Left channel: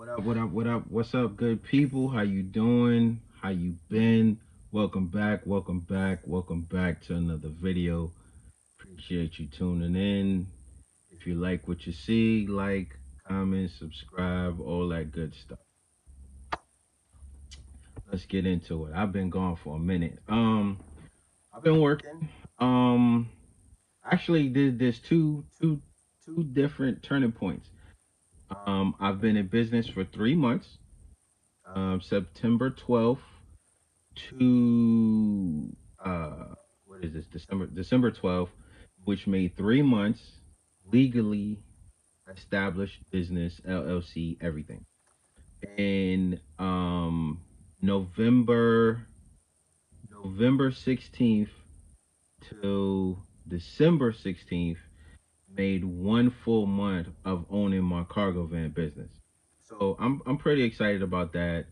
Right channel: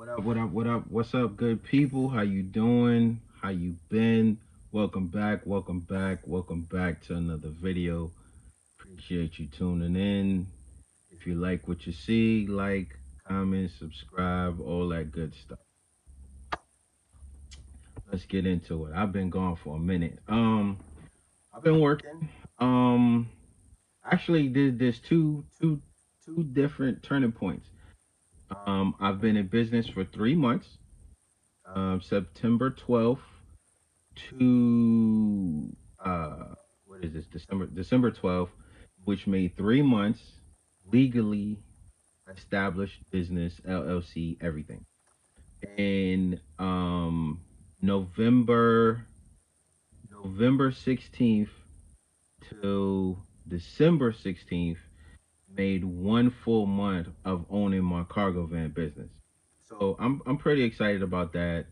What's up, good people? How you doing? How you been? Welcome back to another video. Appreciate you tuning in. If you like what you see, like, comment, subscribe, all that good stuff. Let's get into it. I've been gone for a minute. I've been working. Um, actually, there's two different turning points. I've been in business for 3 months. September 12th to what is this? December 12th, which made 3 months legally established business, LLC, everything. And November November 16th to December 16th made 1 full month of owning my cargo van business. So I'm pretty excited about that.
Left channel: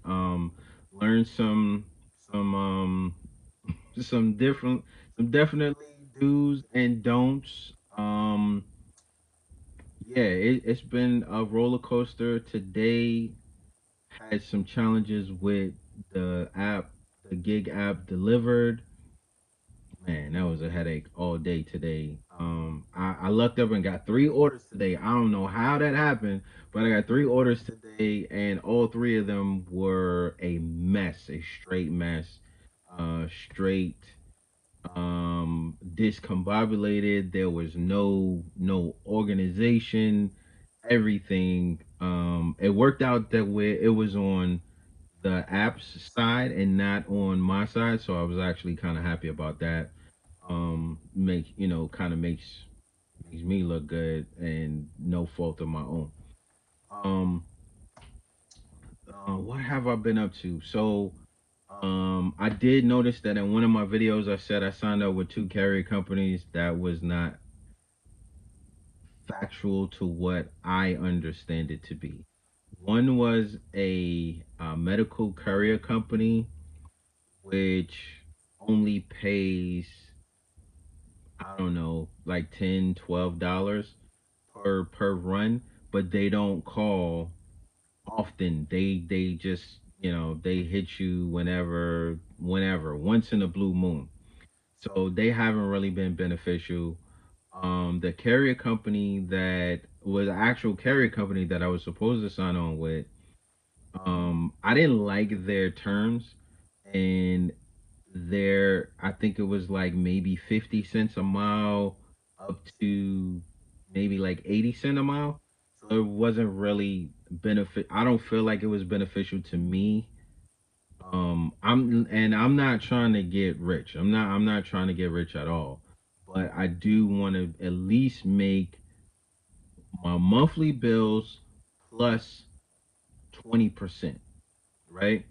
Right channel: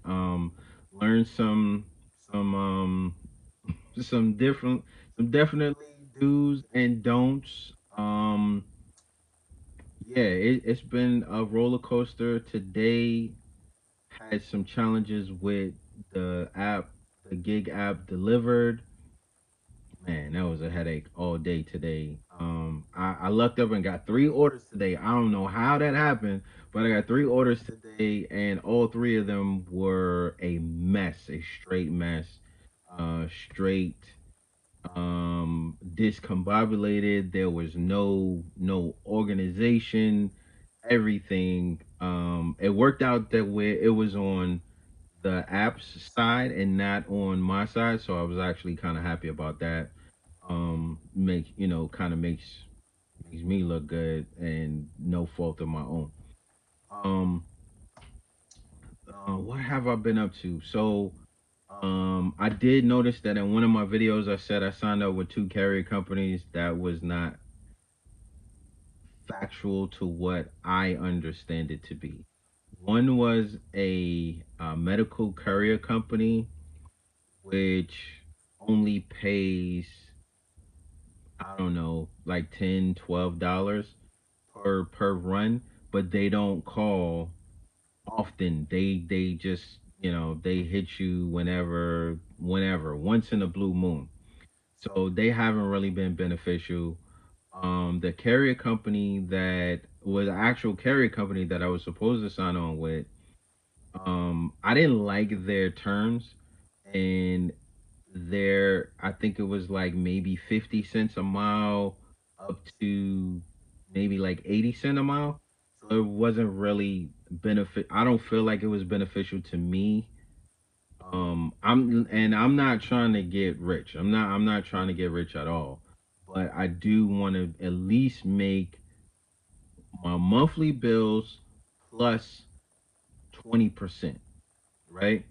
Learned some some different some definitely do's and don'ts. Yeah, it's been a roller coaster. Today had some challenges with the app, the gig app delivered. Man, that was a headache all day today. I lucked up and got 3 orders today. I don't know how that happened, but I got 3 orders today, and all three of them were a mess, a straight mess, straight discombobulated. There was no organization. Everything. It worked out that way. It was on the app's side and not on my side, so I was actually kind of happy about that. Make kind of makes me look good and no fault of my own. Um, what have I been up to? So, I did notice that in one of my videos, I said I signed up with two carrier companies. That was not factual to what I understand it to be. One was a medical courier company, which only pays, I don't know, like $10, $12 per run, but they don't call often. They just they hit you whenever once in a blue moon. So they haven't really been beneficial. The carrier company that was an actual carrier company that I was supposed to sign on with, I didn't like their terms, and I think it was like maybe 50 cents a mile up to maybe like 80 cent a mile. So it wasn't really benefit. I don't feel like it was beneficial to me. I'm not trying to get rich. I'm not trying to get rich at all. But I do want to at least make my monthly bills plus 20%, right?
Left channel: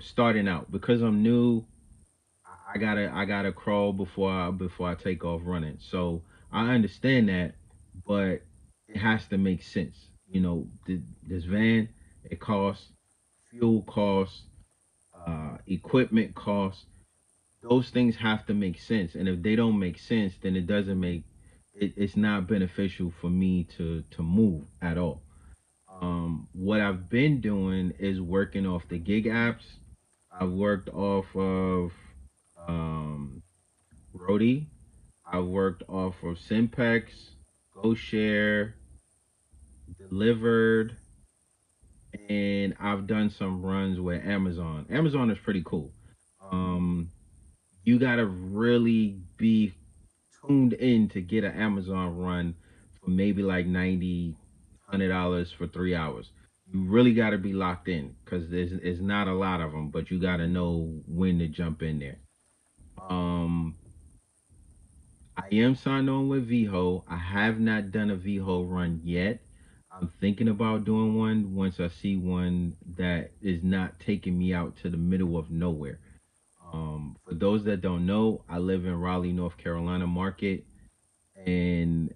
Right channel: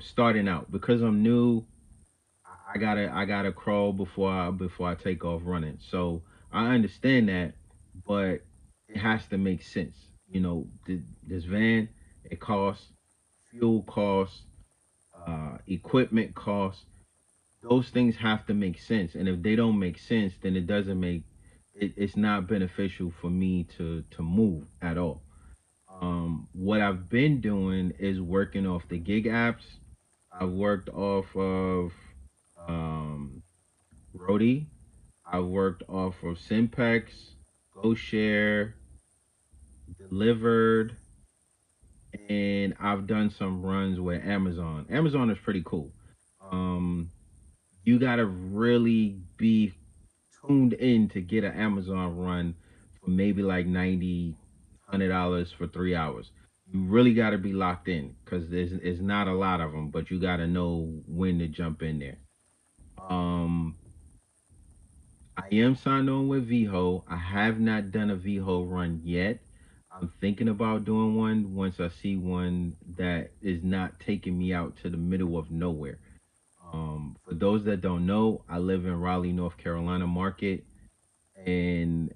Starting out because I'm new, I gotta crawl before I take off running. So I understand that, but it has to make sense. This van, it costs fuel costs, equipment costs. Those things have to make sense, and if they don't make sense, then it doesn't make it's not beneficial for me to move at all. What I've been doing is working off the gig apps. I've worked off of um, Rody. I worked off of Simpex, GoShare, Delivered, and I've done some runs with Amazon. Amazon is pretty cool. Um, you gotta really be tuned in to get an Amazon run for maybe like $90, $100 for 3 hours. You really gotta be locked in because there's not a lot of them, but you gotta know when to jump in there. Um, I am signed on with VHO. I have not done a VHO run yet. I'm thinking about doing one once I see one that is not taking me out to the middle of nowhere. For those that don't know, I live in Raleigh, North Carolina market, and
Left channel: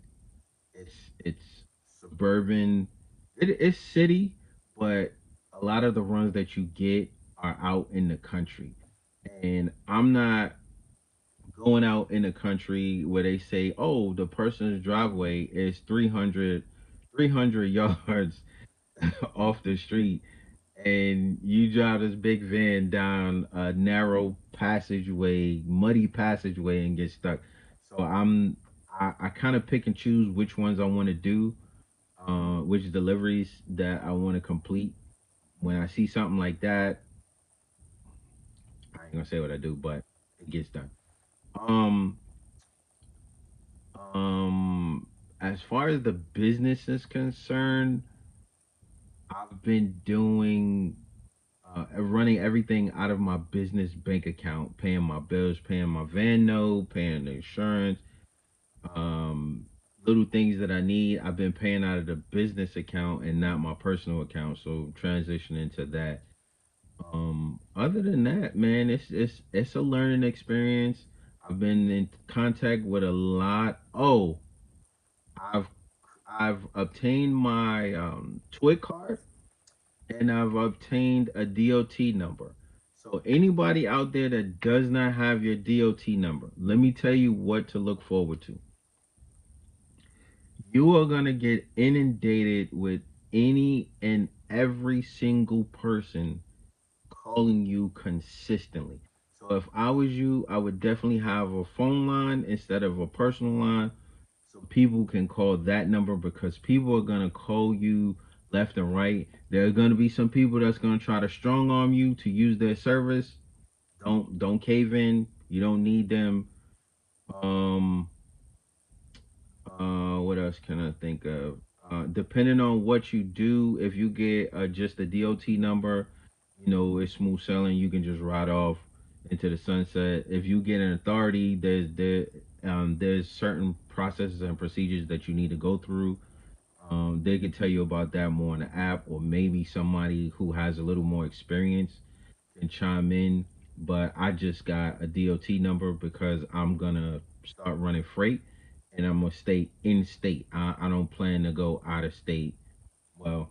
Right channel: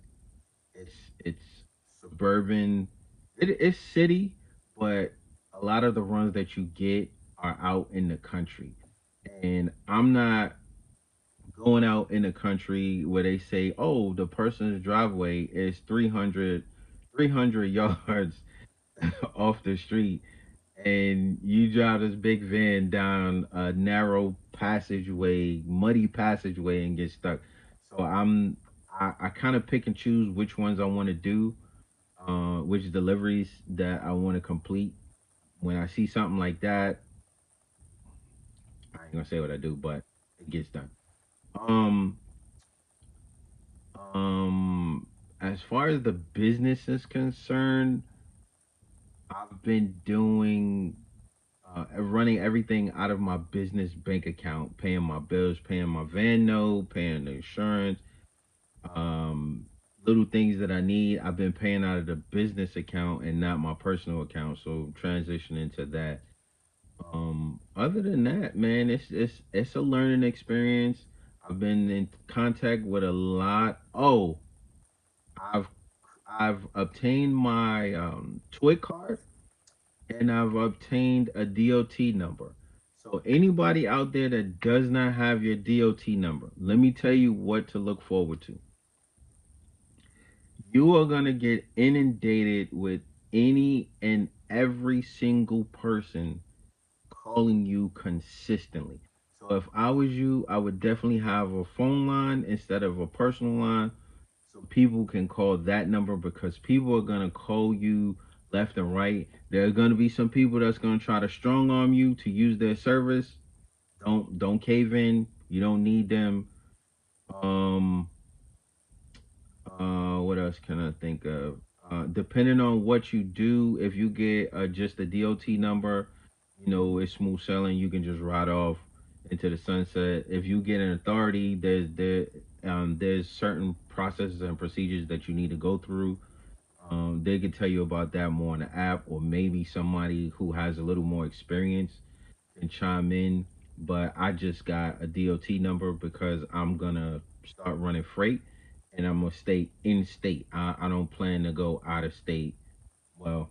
it's suburban. It's city, but a lot of the runs that you get are out in the country, and I'm not going out in the country where they say, oh, the person's driveway is 300 yards. off the street, and you drive this big van down a narrow passageway, muddy passageway, and get stuck. So I kind of pick and choose which ones I want to do, which deliveries that I want to complete. When I see something like that, I ain't gonna say what I do, but it gets done. Um, as far as the business is concerned, I've been doing running everything out of my business bank account, paying my bills, paying my van note, paying the insurance, um, little things that I need. I've been paying out of the business account and not my personal account. So transitioning to that. Other than that, man, it's a learning experience. I've been in contact with a lot. Oh, I've I've obtained my TWIC card, and I've obtained a DOT number. So anybody out there that does not have your DOT number, let me tell you what to look forward to. You are going to get inundated with any and every single person calling you consistently. So if I was you, I would definitely have a phone line instead of a personal line, so people can call that number, because people are gonna call you left and right. There are gonna be some people that's gonna try to strong arm you to use their service. Don't cave in. You don't need them. Um, what else can I think of? Depending on what you do, if you get just a DOT number, it's smooth sailing. You can just ride off into the sunset. If you get an authority, there's certain processes and procedures that you need to go through. They can tell you about that more on the app, or maybe somebody who has a little more experience can chime in. But I just got a DOT number because I'm gonna start running freight, and I'm gonna stay in state. I don't plan to go out of state. Well,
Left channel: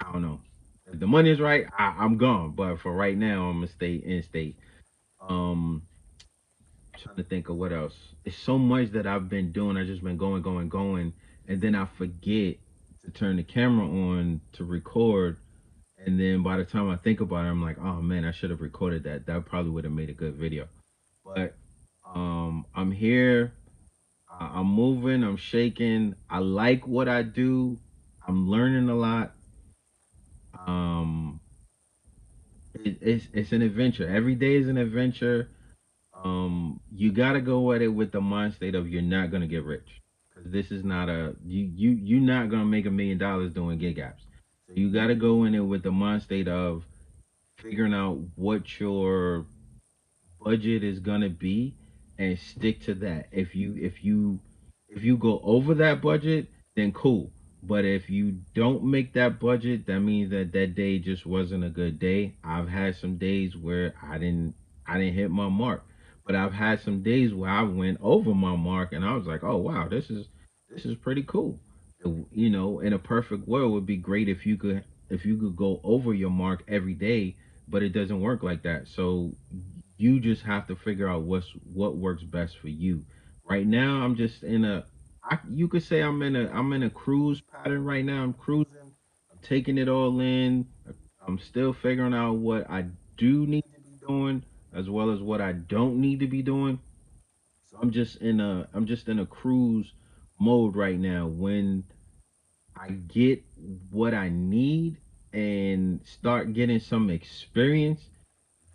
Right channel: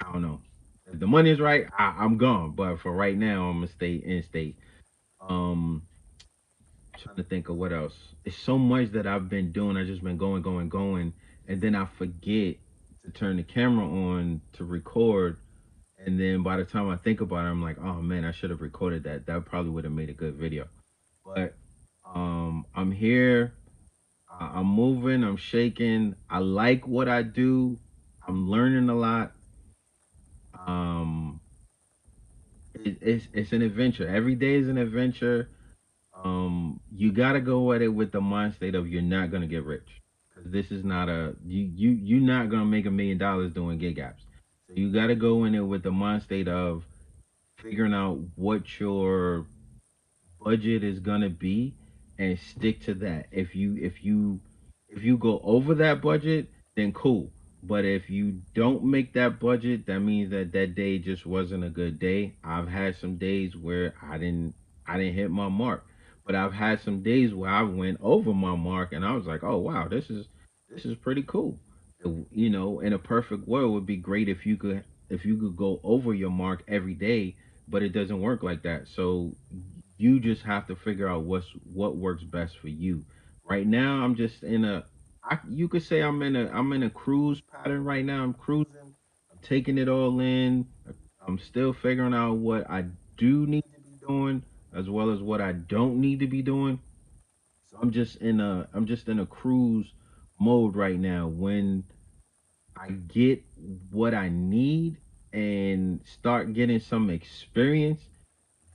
I don't know. If the money is right, I'm gone. But for right now, I'm gonna stay in state. Um, Trying to think of what else. It's so much that I've been doing. I just been going, going, going, and then I forget to turn the camera on to record. And then by the time I think about it, I'm like, oh man, I should have recorded that. That probably would have made a good video. But I'm here. I'm moving. I'm shaking. I like what I do. I'm learning a lot. Um, it's an adventure. Every day is an adventure. You gotta go at it with the mind state of you're not gonna get rich, because this is not a you're not gonna make $1 million doing gig apps. So you gotta go in it with the mind state of figuring out what your budget is gonna be and stick to that. If you go over that budget, then cool. But if you don't make that budget, that means that that day just wasn't a good day. I've had some days where I didn't hit my mark, but I've had some days where I went over my mark, and I was like, oh wow, this is pretty cool. In a perfect world, it would be great if you could go over your mark every day, but it doesn't work like that. So you just have to figure out what works best for you. Right now, I'm just you could say I'm in a cruise pattern right now. I'm cruising. I'm taking it all in. I'm still figuring out what I do need to be doing, as well as what I don't need to be doing. So I'm just in a cruise mode right now. When I get what I need and start getting some experience,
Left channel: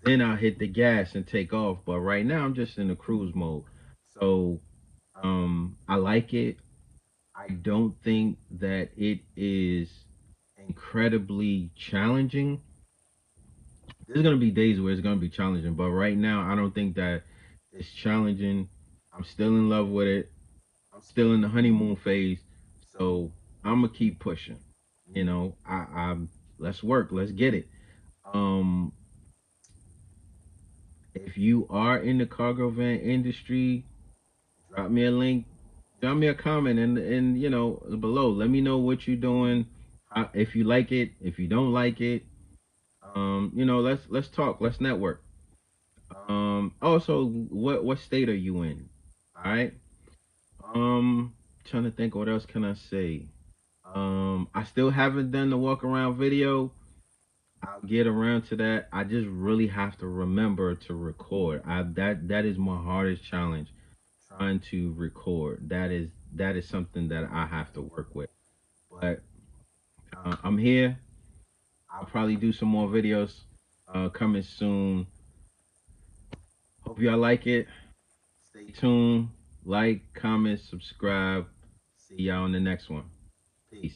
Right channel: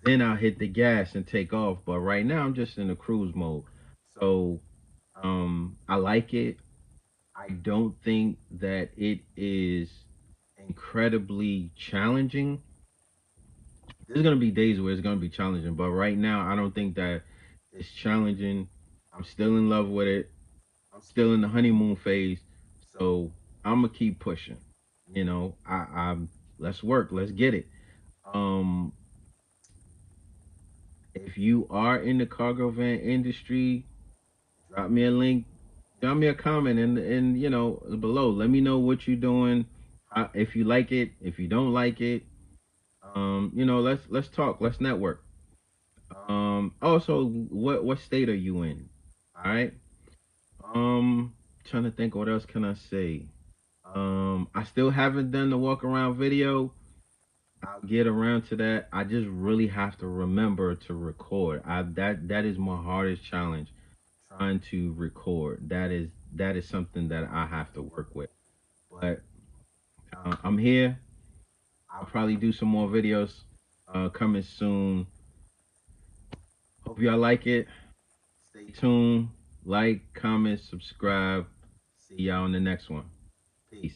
then I'll hit the gas and take off. But right now, I'm just in a cruise mode. So I like it. I don't think that it is incredibly challenging. There's gonna be days where it's gonna be challenging, but right now, I don't think that it's challenging. I'm still in love with it. I'm still in the honeymoon phase, so I'm gonna keep pushing. I'm let's work, let's get it. Um, if you are in the cargo van industry, drop me a link, drop me a comment, and below. Let me know what you're doing. If you like it, if you don't like it, let's talk, let's network. Also, what state are you in? All right. Trying to think, what else can I say? I still haven't done the walk around video. I'll get around to that. I just really have to remember to record. That is my hardest challenge, trying to record. That is something that I have to work with. But I'm here. I'll probably do some more videos coming soon. Hope y'all like it. Stay tuned. Like, comment, subscribe. See y'all in the next one. Peace.